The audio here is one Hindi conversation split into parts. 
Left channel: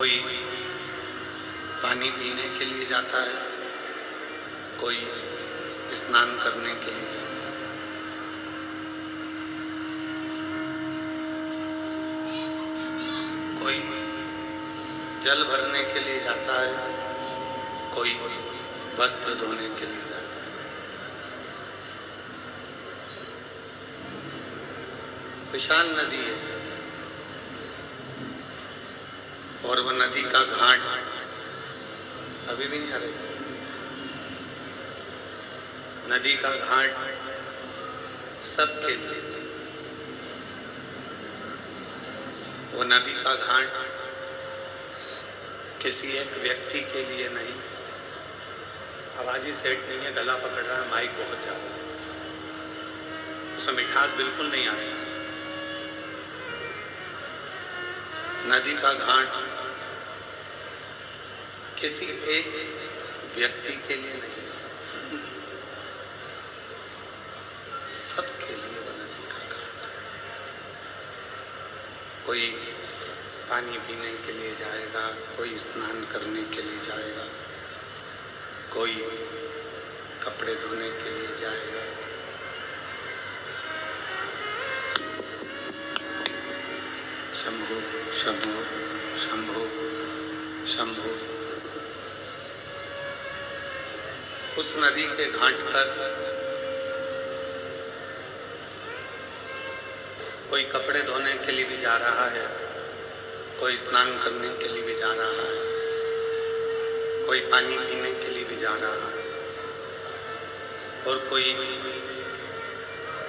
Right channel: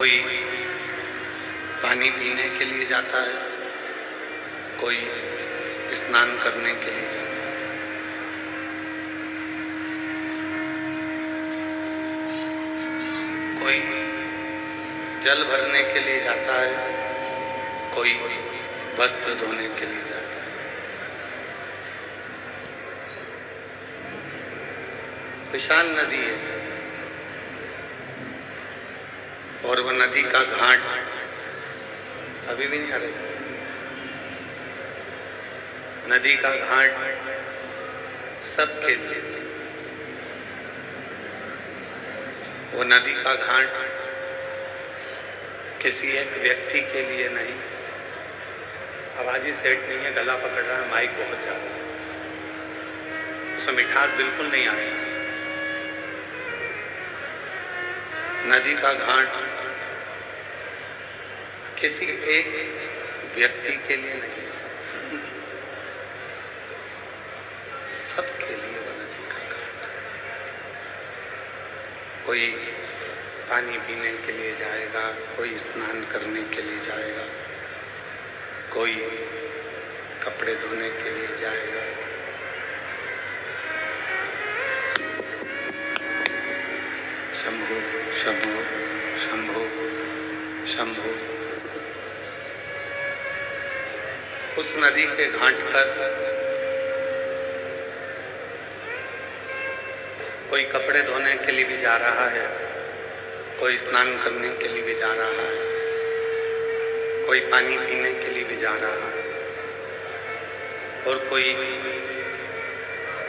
कोई पानी पीने के लिए जाता है, कोई स्नान करने के लिए जाता है। कोई जल भरने के लिए जाता है, कोई वस्त्र धोने के लिए जाता है। विशाल नदी है और वह नदी का घाट अभी भी नहीं आ रही। नदी का घाट सबके लिए, वो नदी का घाट किसी एक व्यक्ति के लिए नहीं। आवाज ही सेट नहीं है, गला पकड़ रहा है, माइक बहुत ज्यादा है, उसमें मिठास बिल्कुल नहीं आ रही। नदी का घाट किसी एक व्यक्ति के लिए नहीं, सबके लिए वो नदी का घाट। कोई पानी पीने के लिए जाएगा, कोई स्नान करने के लिए जाएगा, कोई कपड़े धोने के लिए जाएगा। शंभो शंभो शंभो शंभो। उस नदी के घाट पर कोई कपड़े धोने के लिए भी जा रहा है, कोई स्नान करने के लिए भी जा रहा है, कोई पानी पीने के लिए भी जा रहा है और कोई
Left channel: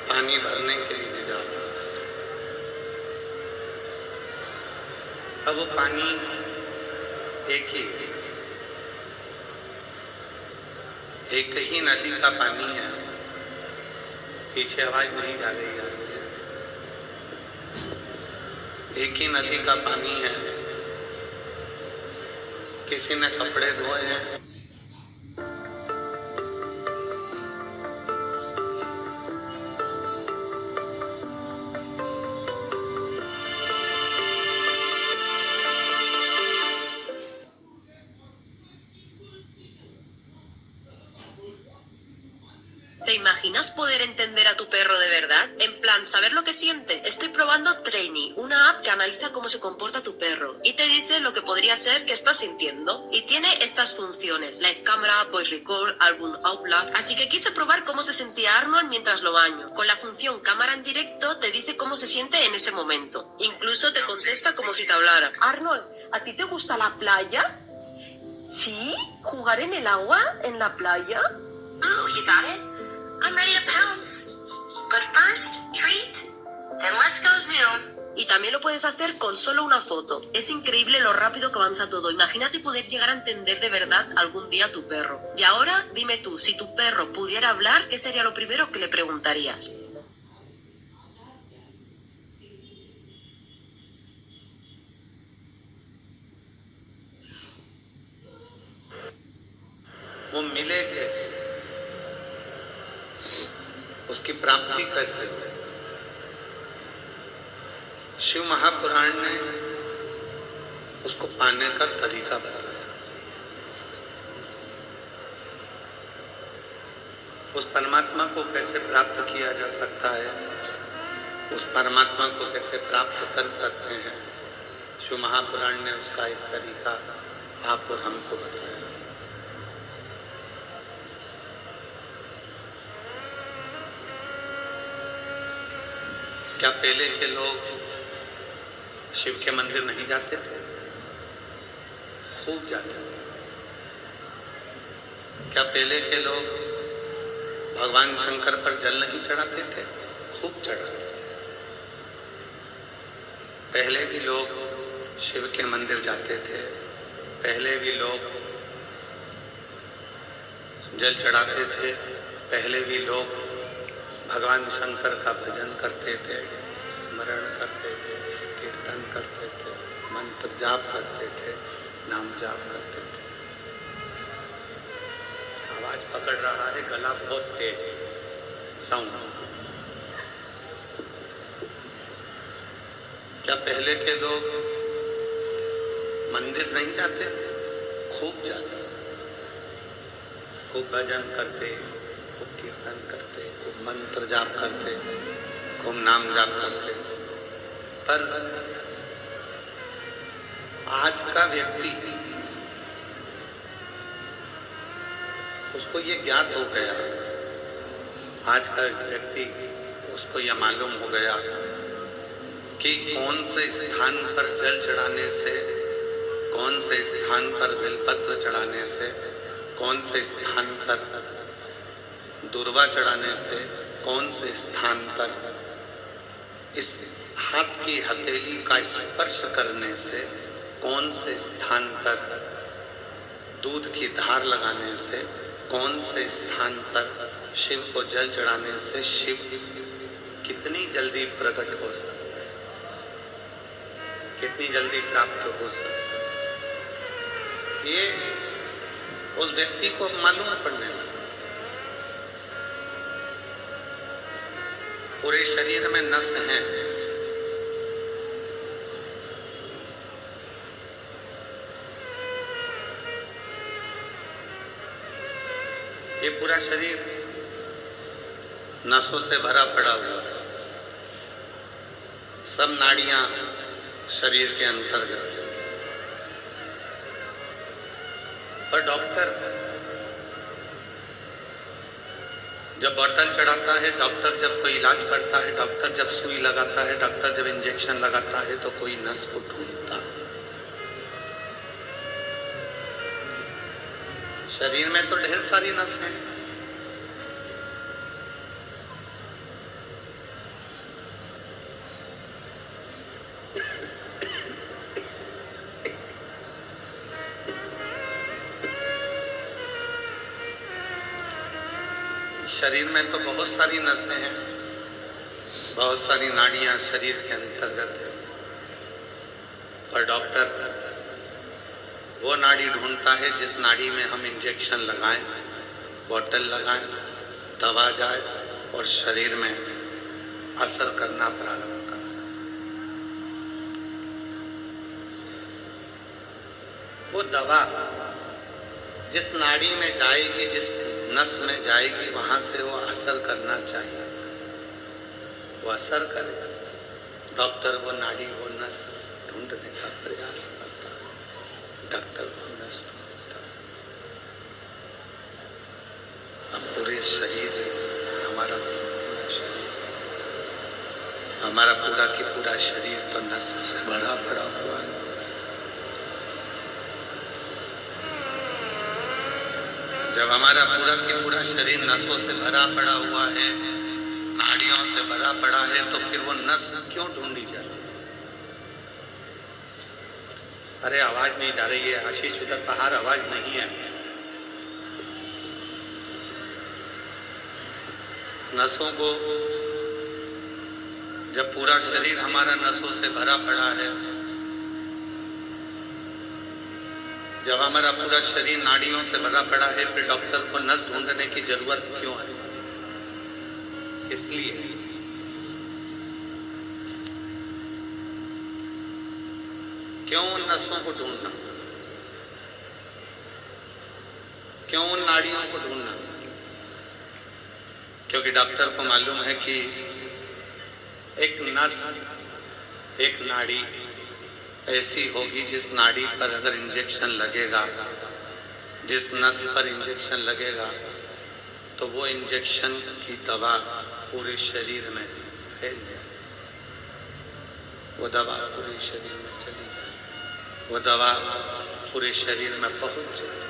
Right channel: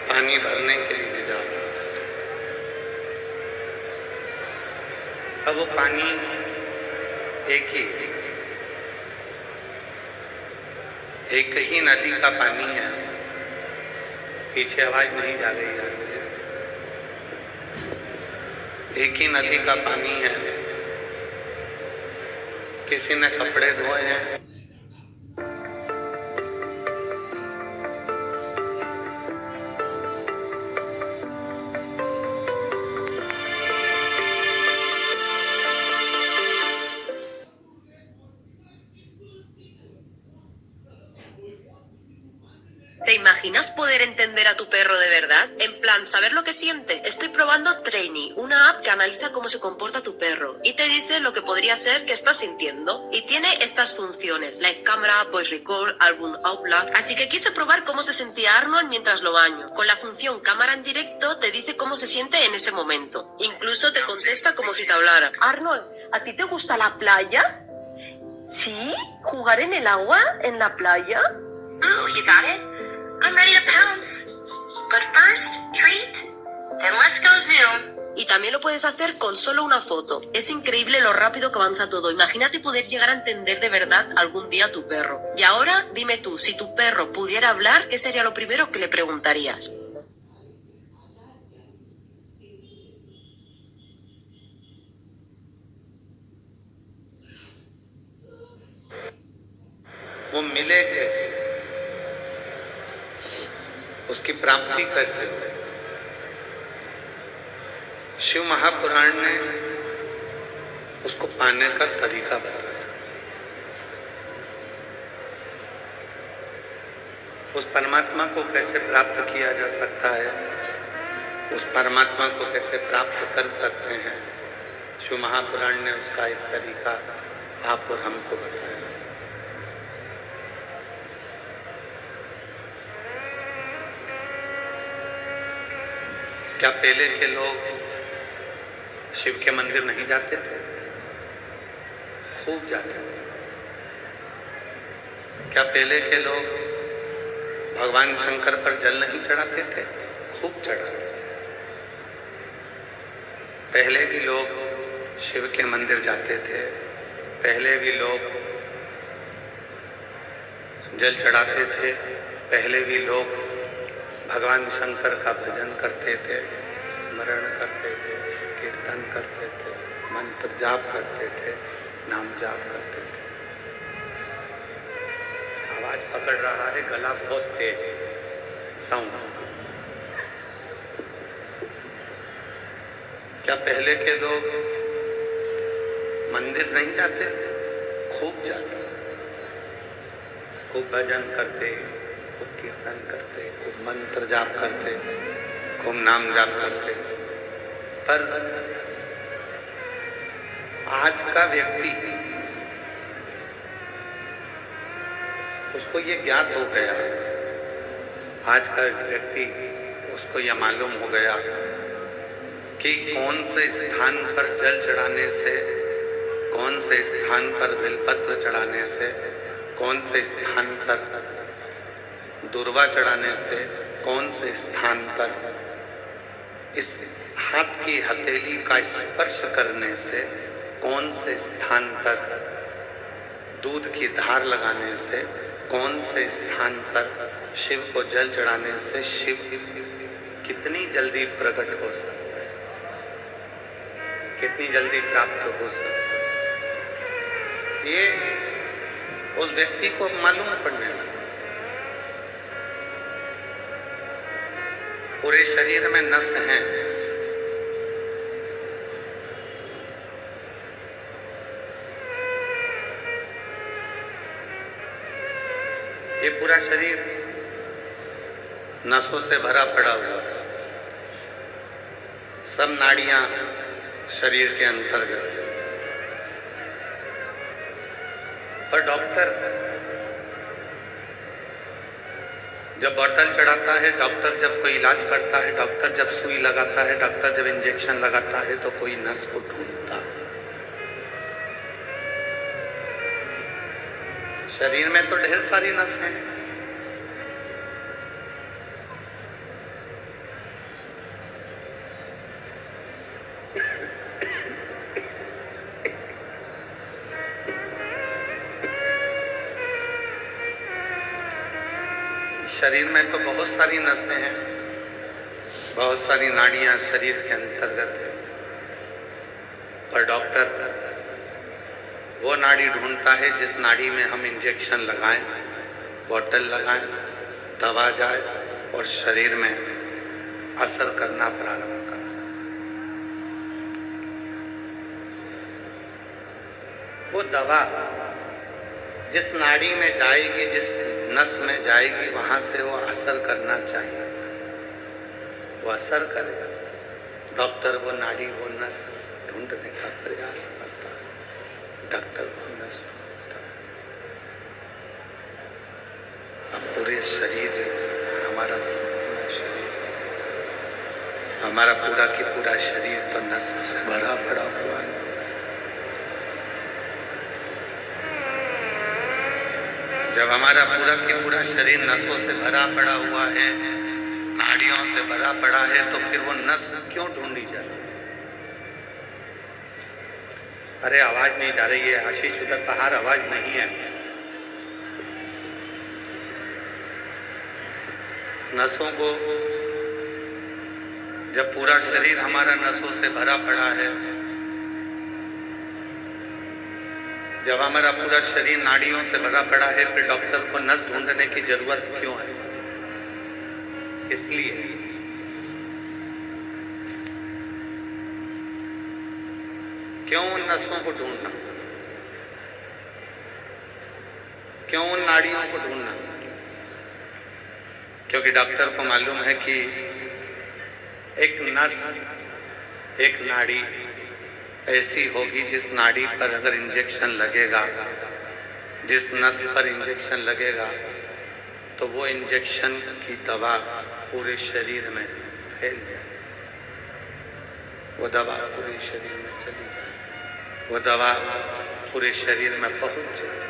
पानी भरने के लिए भी जा रहा है। अब वो पानी एक ही है, एक ही नदी का पानी है। पीछे आवाज नहीं जा रही है, एक ही नदी का पानी है। किसी ने कपड़े धोए हैं, ¿Te imaginas poder entender a tu perro de verdad? En plan, saber lo que siente. Estoy probando Trainy, una app que analiza cómo se comporta tu perro y te dice lo que podría ser que estás sintiendo. Y tiene estas funciones: Live Camera, Voice Record, Album Outlast. Así que quise probar cómo se sentía Arnold mientras lo baño. Con la función cámara en directo te dice cómo se siente en ese momento. Incluso te contesta como si te hablara. Arnold, ¿a ti te gusta la playa? ¿Sí? ¿Jugar en el agua? ¿En la playa? Ooh, you got it? I'm ready to pounce. But first, treat. Then let's go zoom. Y también lo puedes hacer con solo una foto. Es increíble lo rápido que avanza todo. Imagínate poder llegar a entender de verdad algún día a tu perro. Y ahora dime tú, si tu perro pudiera hablar, ¿qué sería lo primero que le preguntarías? वो मिले कैसे, उसकी प्राप्ति कैसे हो। शिव महापुराण ने उसको पाने का तरीका बताया। उस परमात्मा को कैसे प्राप्त किया जा सकता है, उस परमात्मा को कैसे प्राप्त कर सकते हैं, शिव महापुराण ने उसका एक तरीका आप और हमको बताया। क्या पहले के लोग शिव के मंदिर नहीं जाते थे? खूब जाते थे। क्या पहले के लोग भगवान शंकर पर जल नहीं चढ़ाते थे? खूब चढ़ाते थे। पहले भी लोग शिव के मंदिर जाते थे, पहले भी लोग जल चढ़ाते थे, पहले भी लोग भगवान शंकर का भजन करते थे, स्मरण करते थे, कीर्तन करते थे, मंत्र जाप करते थे, नाम जाप करते थे। आवाज पकड़ रहा है, गला बहुत तेज है, साउंड। क्या पहले के लोग मंदिर नहीं जाते, खूब जाते, खूब भजन करते, खूब कीर्तन करते, खूब मंत्र जाप करते, खूब नाम जाप करते। पर आज का व्यक्ति, उसको ये ज्ञात हो गया, आज का व्यक्ति उसको यह मालूम हो गया कि कौन से स्थान पर जल चढ़ाने से, कौन से स्थान पर बिलपत्र चढ़ाने से, कौन से स्थान पर दुर्वा चढ़ाने से, कौन से स्थान पर इस हाथ की हथेली का स्पर्श करने से, कौन से स्थान पर दूध की धार लगाने से, कौन से स्थान पर शिव को जल चढ़ाने से शिव कितनी जल्दी प्रकट हो सकता है, कितनी जल्दी प्राप्त हो सकता है, ये उस व्यक्ति को मालूम पड़ने लगा। पूरे शरीर में नस हैं, ये पूरा शरीर नसों से भरा पड़ा हुआ है, सब नाड़ियां शरीर के अंतर्गत। पर डॉक्टर जब बोतल चढ़ाता है, डॉक्टर जब कोई इलाज करता है, डॉक्टर जब सुई लगाता है, डॉक्टर जब इंजेक्शन लगाता है, तो कोई नस को ढूंढता है। शरीर में तो ढेर सारी नस हैं, शरीर में तो बहुत सारी नसें हैं, बहुत सारी नाड़ियां शरीर के अंतर्गत है। पर डॉक्टर वो नाड़ी ढूंढता है जिस नाड़ी में हम इंजेक्शन लगाएं, बोतल लगाएं, दवा जाए और शरीर में असर करना प्रारंभ करे। वो दवा जिस नाड़ी में जाएगी, जिस नस में जाएगी, वहां से वो असर करना चाहिए, वो असर करेगा। डॉक्टर वो नाड़ी, वो नस ढूंढने का प्रयास करता है, डॉक्टर वो नस ढूंढता है। अब पूरे शरीर, हमारा संपूर्ण शरीर, हमारा पूरा की पूरा शरीर तो नसों से भरा पड़ा हुआ है। जब हमारा पूरा की पूरा शरीर नसों से भरा पड़ा हुआ है, नाड़ियों से भरा पड़ा है, तो फिर वो नस क्यों ढूंढी जाती? अरे आवाज नहीं जा रही है आशीष, उधर बाहर आवाज नहीं है। नसों को, जब पूरा शरीर हमारा नसों से भरा पड़ा है, जब हमारा पूरा शरीर नाड़ियों से भरा पड़ा है, फिर डॉक्टर को नस ढूंढने की जरूरत क्यों है? इसलिए क्यों उन नसों को ढूंढना, क्यों उन नाड़ियों को ढूंढना? क्योंकि डॉक्टर को मालूम है कि एक नस, एक नाड़ी ऐसी होगी जिस नाड़ी पर अगर इंजेक्शन लगेगा, जिस नस पर इंजेक्शन लगेगा, तो वो इंजेक्शन की दवा पूरे शरीर में फैल जाए, वो दवा पूरे शरीर में चली जाए, वो दवा पूरे शरीर में पहुंच जाए।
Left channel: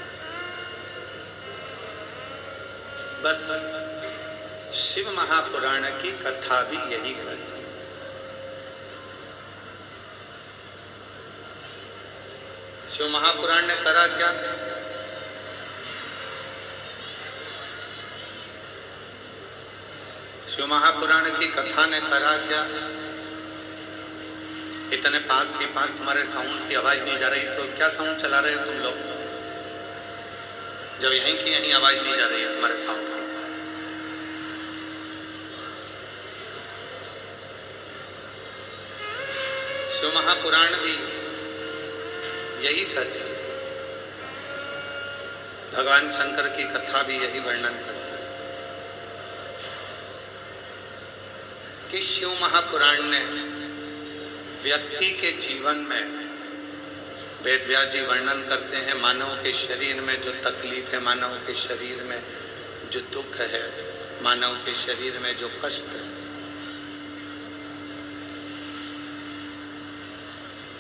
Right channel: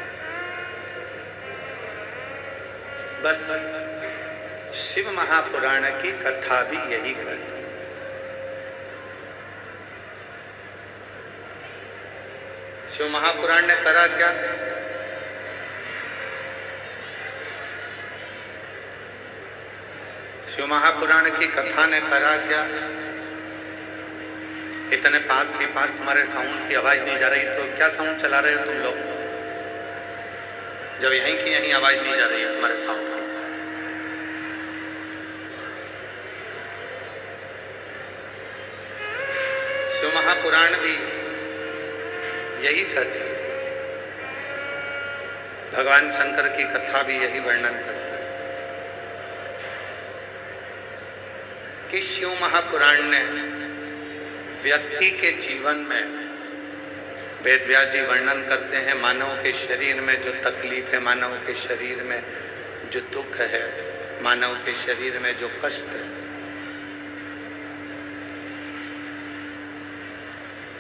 बस शिव महापुराण की कथा भी यही कहती है। शिव महापुराण ने करा क्या? शिव महापुराण की कथा ने करा क्या? इतने पास के पास तुम्हारे साउंड की आवाज नहीं जा रही, तो क्या साउंड चला रहे हो तुम लोग? जब यहीं की यहीं आवाज नहीं जा रही है तुम्हारे साउंड की। शिव महापुराण भी यही कहती है। भगवान शंकर की कथा भी यही वर्णन करती है कि शिव महापुराण ने व्यक्ति के जीवन में, वेद व्यास जी वर्णन करते हैं, मानव के शरीर में जो तकलीफ है, मानव के शरीर में जो दुख है, मानव के शरीर में जो कष्ट है,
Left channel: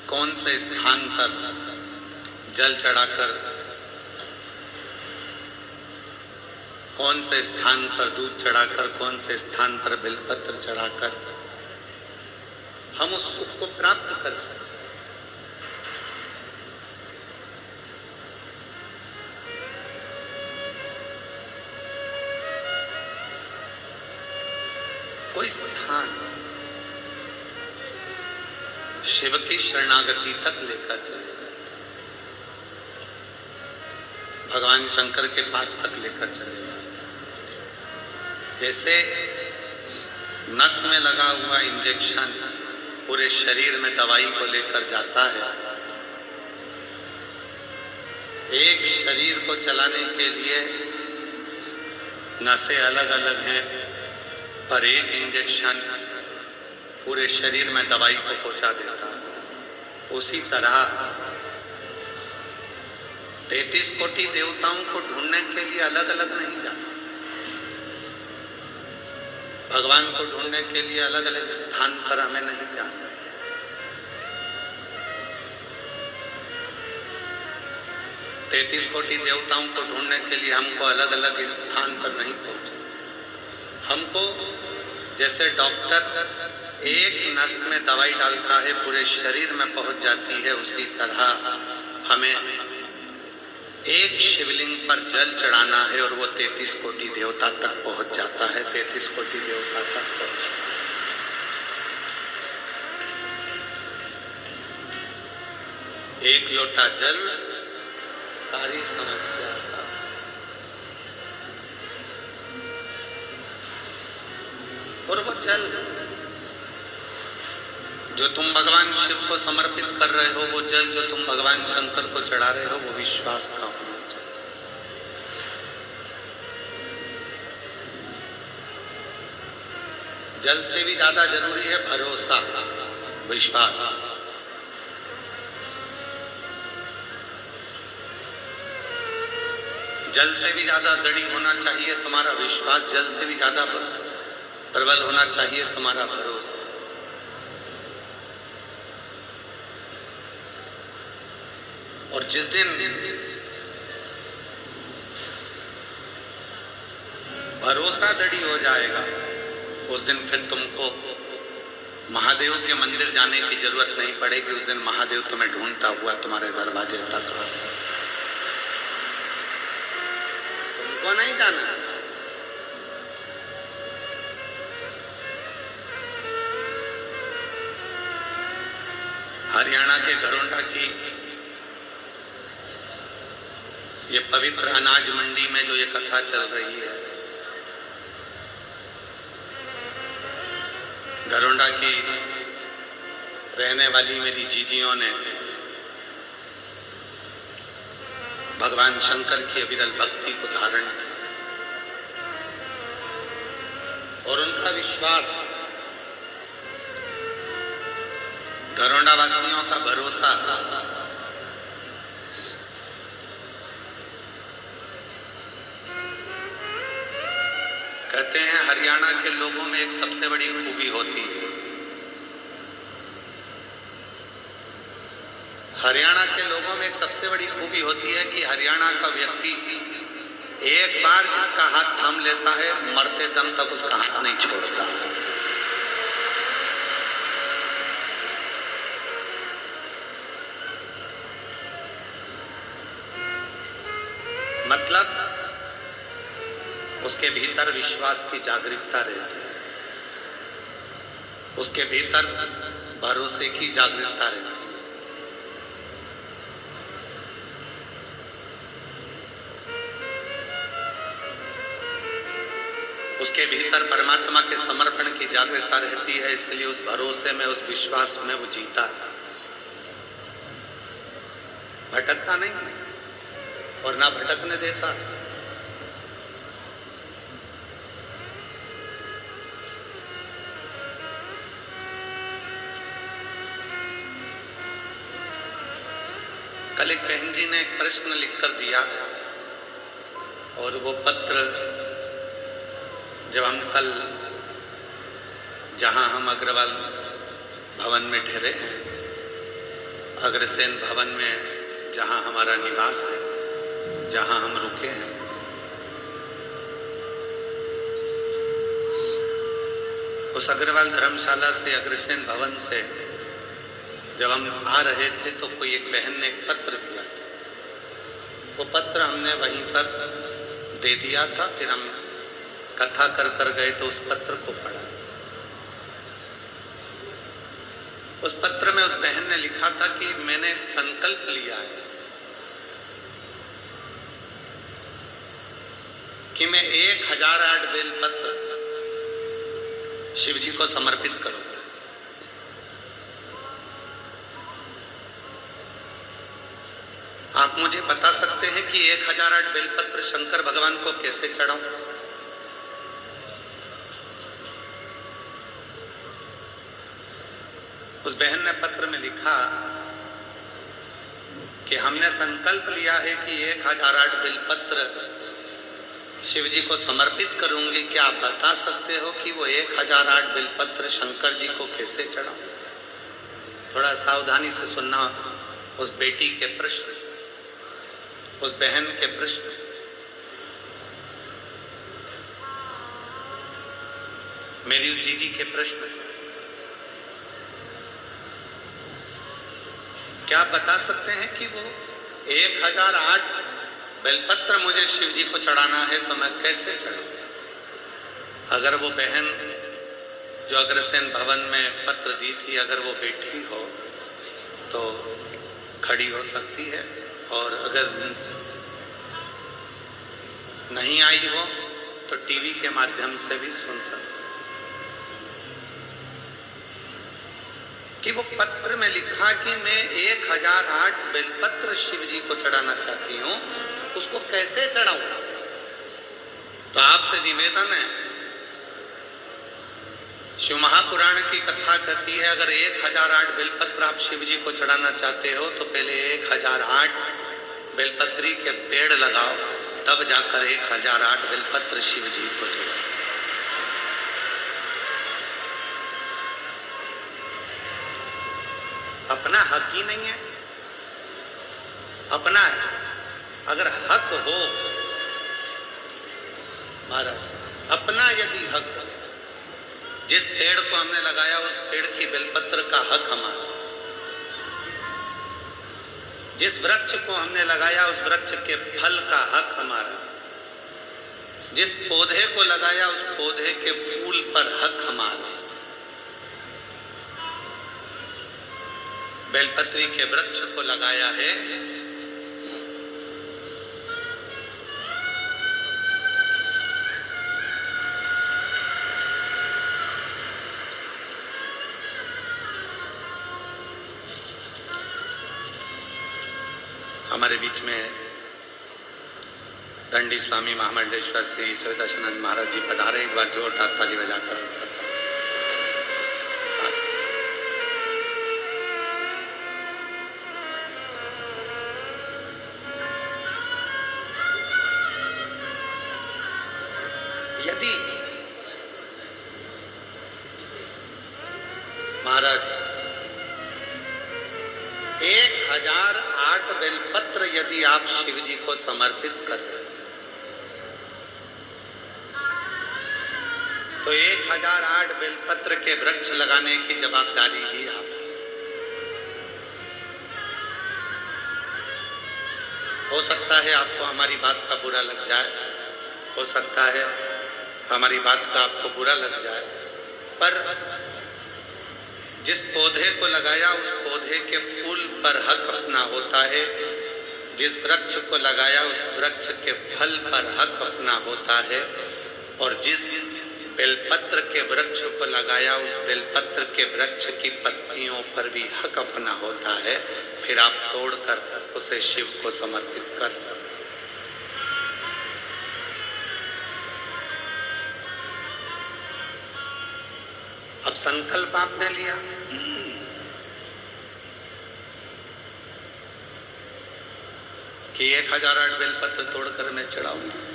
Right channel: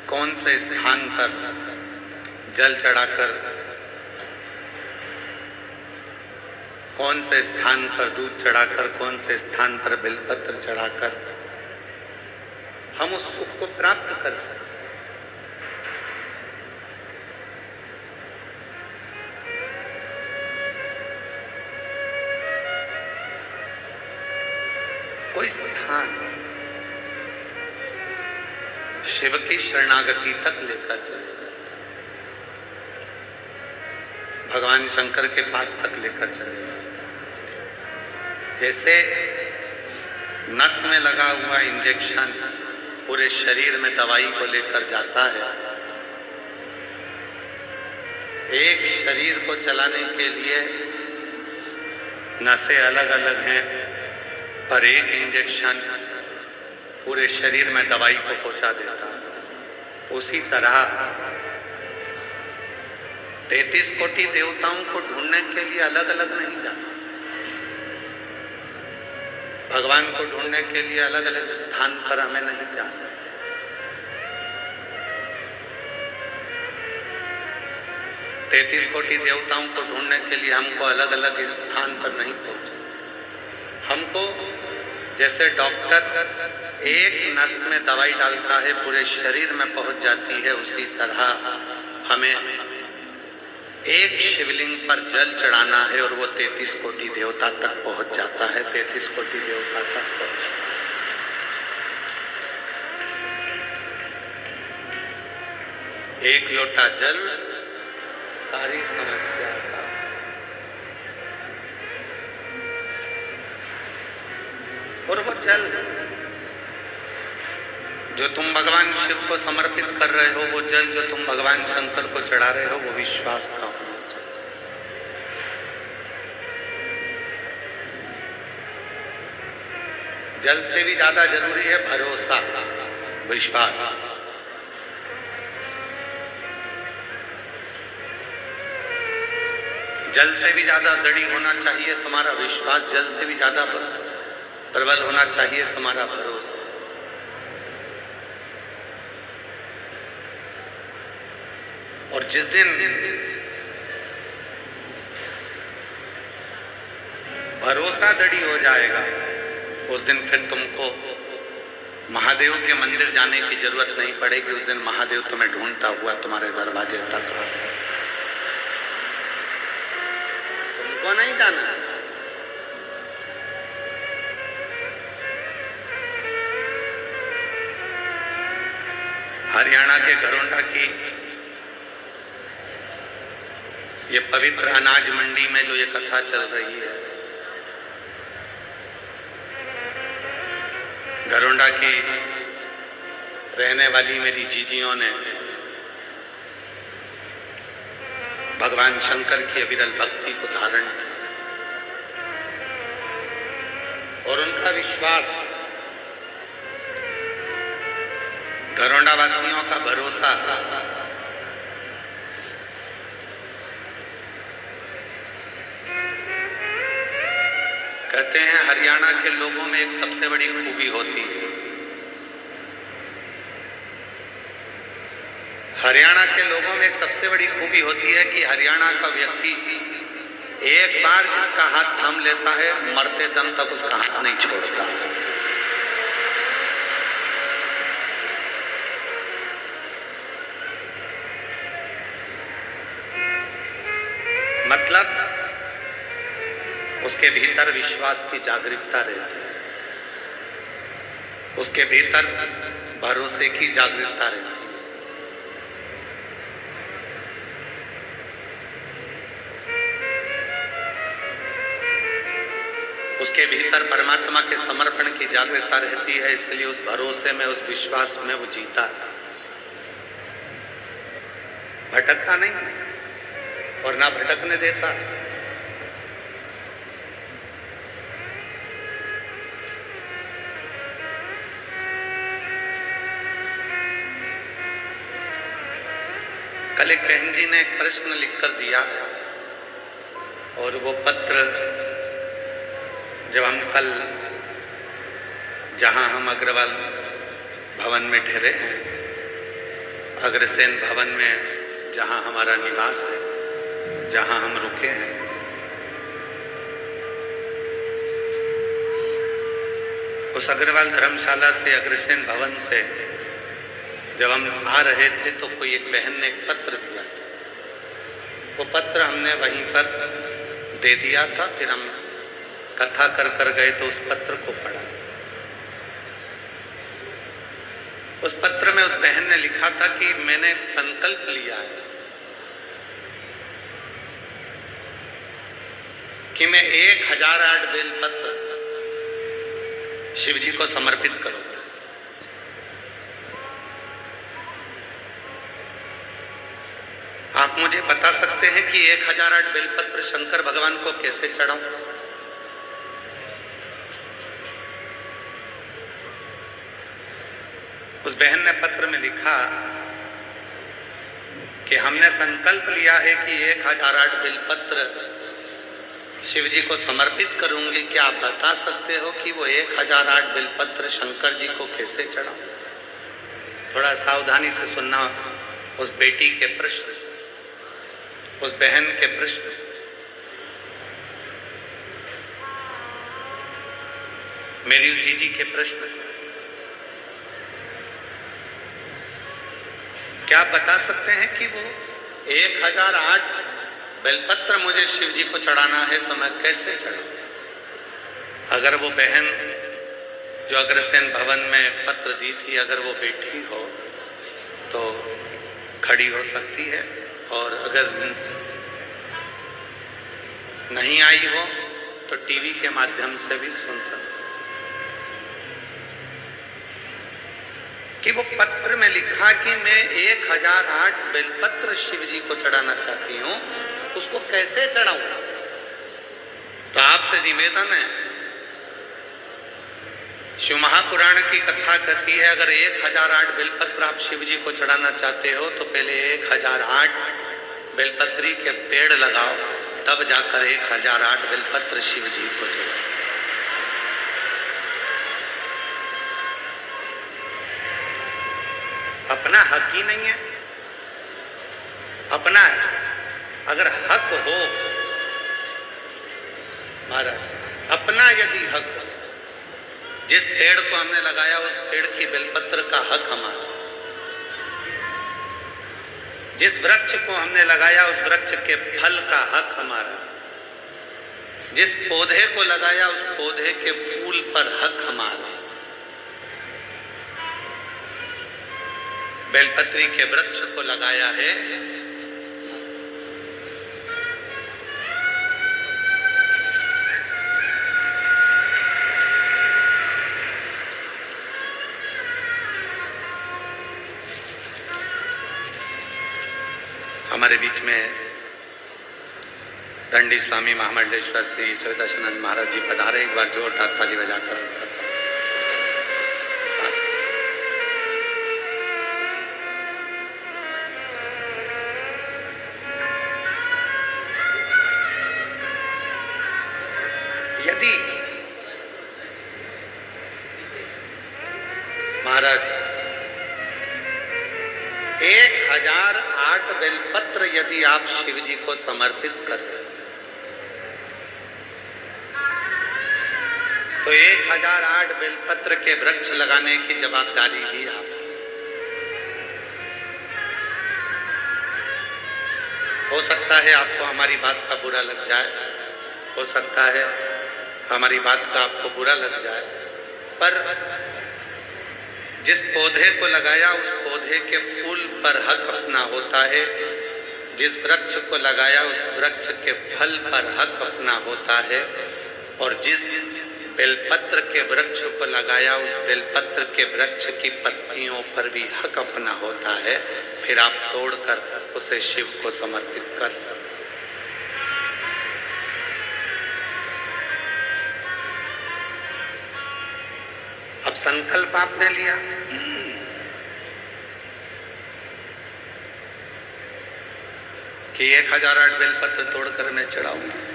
कौन से स्थान पर जल चढ़ाकर, कौन से स्थान पर दूध चढ़ाकर, कौन से स्थान पर बेलपत्र चढ़ाकर हम उस सुख को प्राप्त कर सकते। कोई स्थान शिव की शरणागति तक लेकर चलेगा, भगवान शंकर के पास तक लेकर चलेगा। जैसे नस में लगा हुआ इंजेक्शन पूरे शरीर में दवाई को लेकर जाता है, एक शरीर को चलाने के लिए नसें अलग अलग हैं, पर एक इंजेक्शन पूरे शरीर में दवाई को पहुंचा देता है। उसी तरह 33 कोटि देवताओं को ढूंढने के लिए अलग अलग नहीं जाना, भगवान को ढूंढने के लिए अलग अलग स्थान पर हमें नहीं जाना। 33 कोटि देवताओं को ढूंढने के लिए हमको अलग अलग स्थान पर नहीं पहुंचना। हमको जैसे डॉक्टर एक नस में दवाई डालता है, पूरे शरीर में पहुंच जाती है, उसी तरह हमें एक शिवलिंग पर जल चढ़ाना है और वो 33 कोटि देवता तक पहुंच जाता है। 33 कोटि देवता तक पहुंच, एक लोटा जल सारी समस्या का। और वो जल जो तुम भगवान शिव को समर्पित कर रहे हो, वो जल जो तुम भगवान शंकर को चढ़ा रहे हो, वो विश्वास का होना चाहिए। जल से भी ज्यादा जरूरी है भरोसा, विश्वास। जल से भी ज्यादा दृढ़ होना चाहिए तुम्हारा विश्वास, जल से भी ज्यादा प्रबल होना चाहिए तुम्हारा भरोसा। और जिस दिन भरोसा दृढ़ हो जाएगा, उस दिन फिर तुमको महादेव के मंदिर जाने की जरूरत नहीं पड़ेगी। उस दिन महादेव तुम्हें ढूंढता हुआ तुम्हारे दरवाजे तक आएगा, तुमको नहीं जाना। हरियाणा के घरोंडा की ये पवित्र अनाज मंडी में जो ये कथा चल रही है, घरोंडा की रहने वाली मेरी जीजियों ने भगवान शंकर की अविरल भक्ति को धारण किया और उनका विश्वास, घरोंडा वासियों का भरोसा कहते हैं हरियाणा के लोगों में एक सबसे बड़ी खूबी होती है। हरियाणा के लोगों में एक सबसे बड़ी खूबी होती है कि हरियाणा का व्यक्ति एक बार जिसका हाथ थाम लेता है, मरते दम तक उसका हाथ नहीं छोड़ता। मतलब उसके भीतर विश्वास की जागरूकता रहती है, उसके भीतर भरोसे की जागरूकता रहती है। उसके भीतर परमात्मा के समर्पण की जागरूकता रहती है, इसलिए उस भरोसे में, उस विश्वास में वो जीता है। नहीं है और ना भटकने देता। कल एक बहन जी ने एक प्रश्न लिखकर दिया और वो पत्र जब हम कल जहां हम अग्रवाल भवन में ठहरे हैं, अग्रसेन भवन में जहां हमारा निवास है, जहां हम रुके हैं, उस अग्रवाल धर्मशाला से, अग्रसेन भवन से जब हम आ रहे थे तो कोई एक बहन ने एक पत्र दिया था। वो पत्र हमने वहीं पर दे दिया था। फिर हम कथा कर गए तो उस पत्र को पढ़ा। उस पत्र में उस बहन ने लिखा था कि मैंने एक संकल्प लिया है कि मैं 1008 बेलपत्र शिव जी को समर्पित करूंगा। आप मुझे बता सकते हैं कि 1008 बेलपत्र शंकर भगवान को कैसे चढ़ाऊं? उस बहन ने पत्र में लिखा कि हमने संकल्प लिया है कि 1008 बेलपत्र शिव जी को समर्पित करूंगी। क्या आप बता सकते हो कि वो 1008 बेलपत्र शंकर जी को कैसे चढ़ाऊं? थोड़ा सावधानी से सुनना उस बेटी के प्रश्न, उस बहन के प्रश्न। मेरी उस जीजी के प्रश्न। क्या आप बता सकते हैं कि वो 1008 बेलपत्र मुझे शिव जी को चढ़ाना है तो मैं कैसे चढ़ाऊं? अगर वो बहन जो अग्रसेन भवन में पत्र दी थी, अगर वो बैठी हो तो खड़ी हो सकती है, और अगर नहीं आई हो तो टीवी के माध्यम से भी सुन सकती कि वो पत्र में लिखा कि मैं 1008 बेलपत्र शिव जी को चढ़ाना चाहती हूं, उसको कैसे चढ़ाऊं? तो आपसे निवेदन है, शिव महापुराण की कथा कहती है अगर 1008 बेलपत्र आप शिव जी को चढ़ाना चाहते हो तो पहले 1008 बेलपत्री के पेड़ लगाओ, तब जाकर 1008 बेलपत्र शिव जी को चढ़ाओ। अपना हक ही नहीं है? अपना है। अगर हक हो महाराज, अपना यदि हक हो, जिस पेड़ को हमने लगाया उस पेड़ की बेलपत्र का हक हमारा, जिस वृक्ष को हमने लगाया उस वृक्ष के फल का हक हमारा, जिस पौधे को लगाया उस पौधे के फूल पर हक हमारा। बेलपत्री के वृक्ष को लगाया है, हमारे बीच में दंडी स्वामी महामंडलेश्वर श्री सवितानंद महाराज जी पधारे। एक बार जोरदार ताली बजाकर यदि महाराज 1008 बेलपत्र यदि आप शिव जी को समर्पित कर रहे तो 1008 बेलपत्र के वृक्ष लगाने की जवाबदारी भी आपकी। हो सकता है आपको हमारी बात का बुरा लग जाए, हो सकता है हमारी बात का आपको बुरा लग जाए, पर जिस पौधे को लगाया उस पौधे के फूल पर हक अपना होता है, जिस वृक्ष को लगाया उस वृक्ष के फल पर हक अपना होता है, और जिस बेलपत्र के वृक्ष को लगाया, उस बेलपत्र के वृक्ष की पत्तियों पर भी हक अपना होता है, फिर आप तोड़कर उसे शिव को समर्पित कर सकते। अब संकल्प आपने लिया, कि 1008 बेलपत्र तोड़कर मैं चढ़ाऊंगा।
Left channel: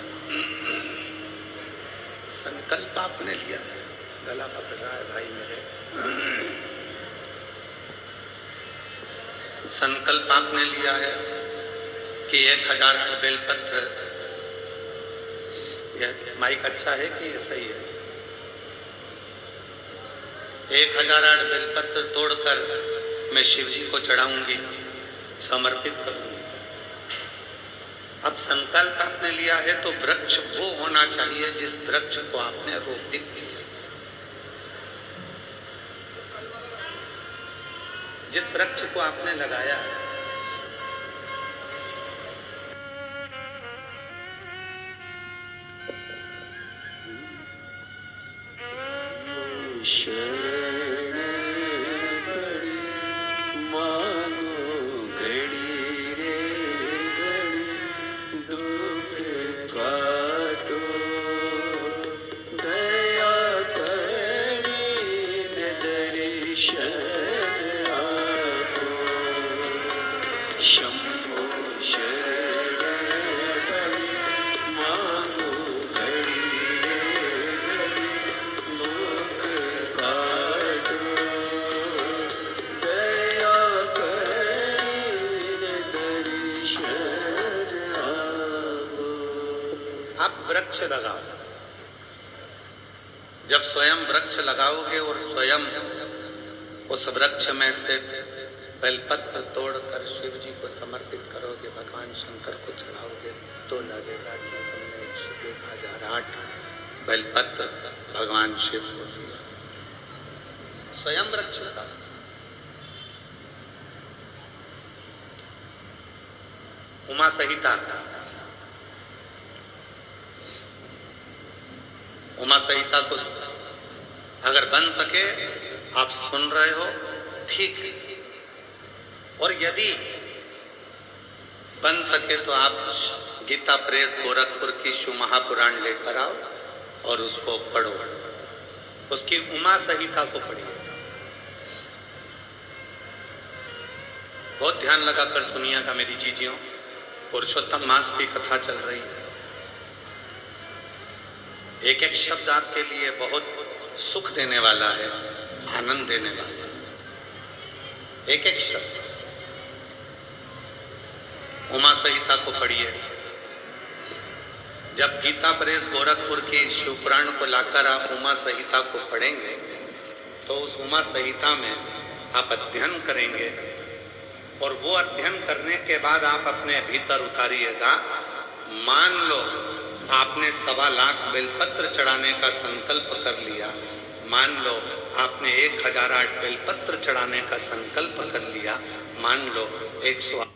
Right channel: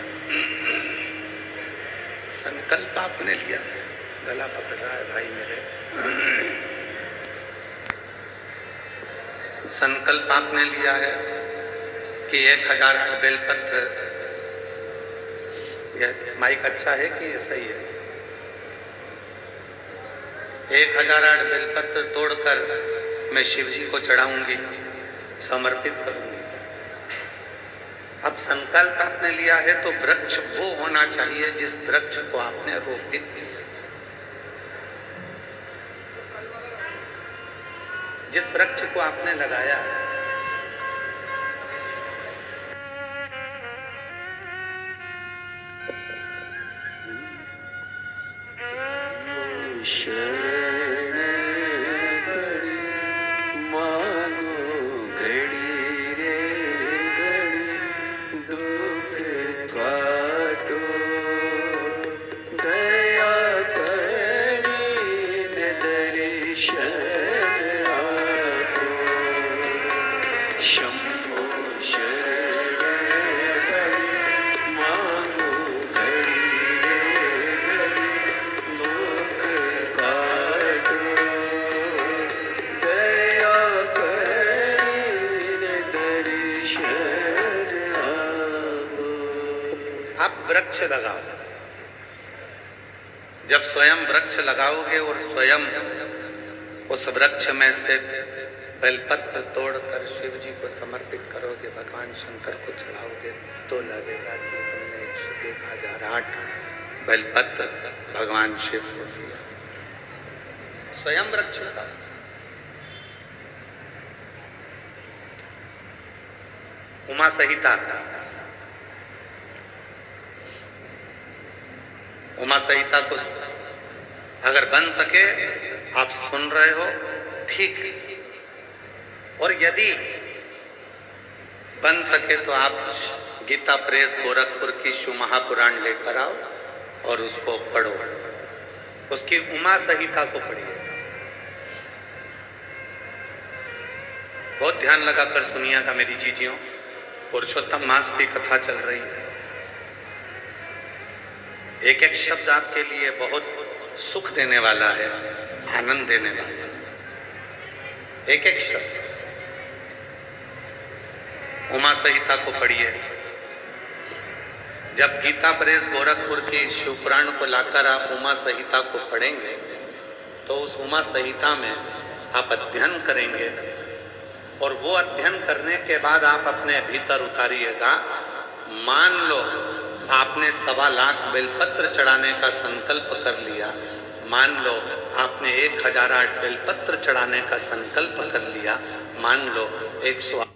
संकल्प आपने लिया, गला पकड़ रहा है भाई मेरे। संकल्प आपने लिया है कि 1008 बेलपत्र, यह माइक अच्छा है कि ये सही है? 1008 बेलपत्र तोड़कर मैं शिव जी को चढ़ाऊंगी, समर्पित करूंगी। अब संकल्प आपने लिया है तो वृक्ष वो होना चाहिए जिस वृक्ष को आपने रोपित किया, जिस वृक्ष को आपने लगाया है। वृक्ष लगाओ। जब स्वयं वृक्ष लगाओगे और स्वयं उस वृक्ष में से बेलपत्र तोड़कर शिव जी को समर्पित करोगे, भगवान शंकर को चढ़ाओगे, तो लगेगा कि तुमने 1008 बेलपत्र भगवान शिव को दिया। स्वयं वृक्ष लगाओ। उमा संहिता, उमा संहिता को अगर बन सके, आप सुन रहे हो ठीक, और यदि बन सके तो आप गीता प्रेस गोरखपुर की शिव महापुराण लेकर आओ और उसको पढ़ो, उसकी उमा संहिता को पढ़िए। बहुत ध्यान लगाकर सुनिएगा मेरी जीजियों, पुरुषोत्तम मास की कथा चल रही है। एक एक शब्द आपके लिए बहुत सुख देने वाला है, आनंद देने वाला है। एक एक शब्द उमा संहिता को पढ़िए। जब गीता प्रेस गोरखपुर की शिवपुराण को लाकर आप उमा संहिता को पढ़ेंगे तो उस उमा संहिता में आप अध्ययन करेंगे, और वो अध्ययन करने के बाद आप अपने भीतर उतारिएगा। मान लो आपने 1.25 लाख बेलपत्र चढ़ाने का संकल्प कर लिया, मान लो आपने 1008 बेलपत्र चढ़ाने का संकल्प कर लिया, मान लो 108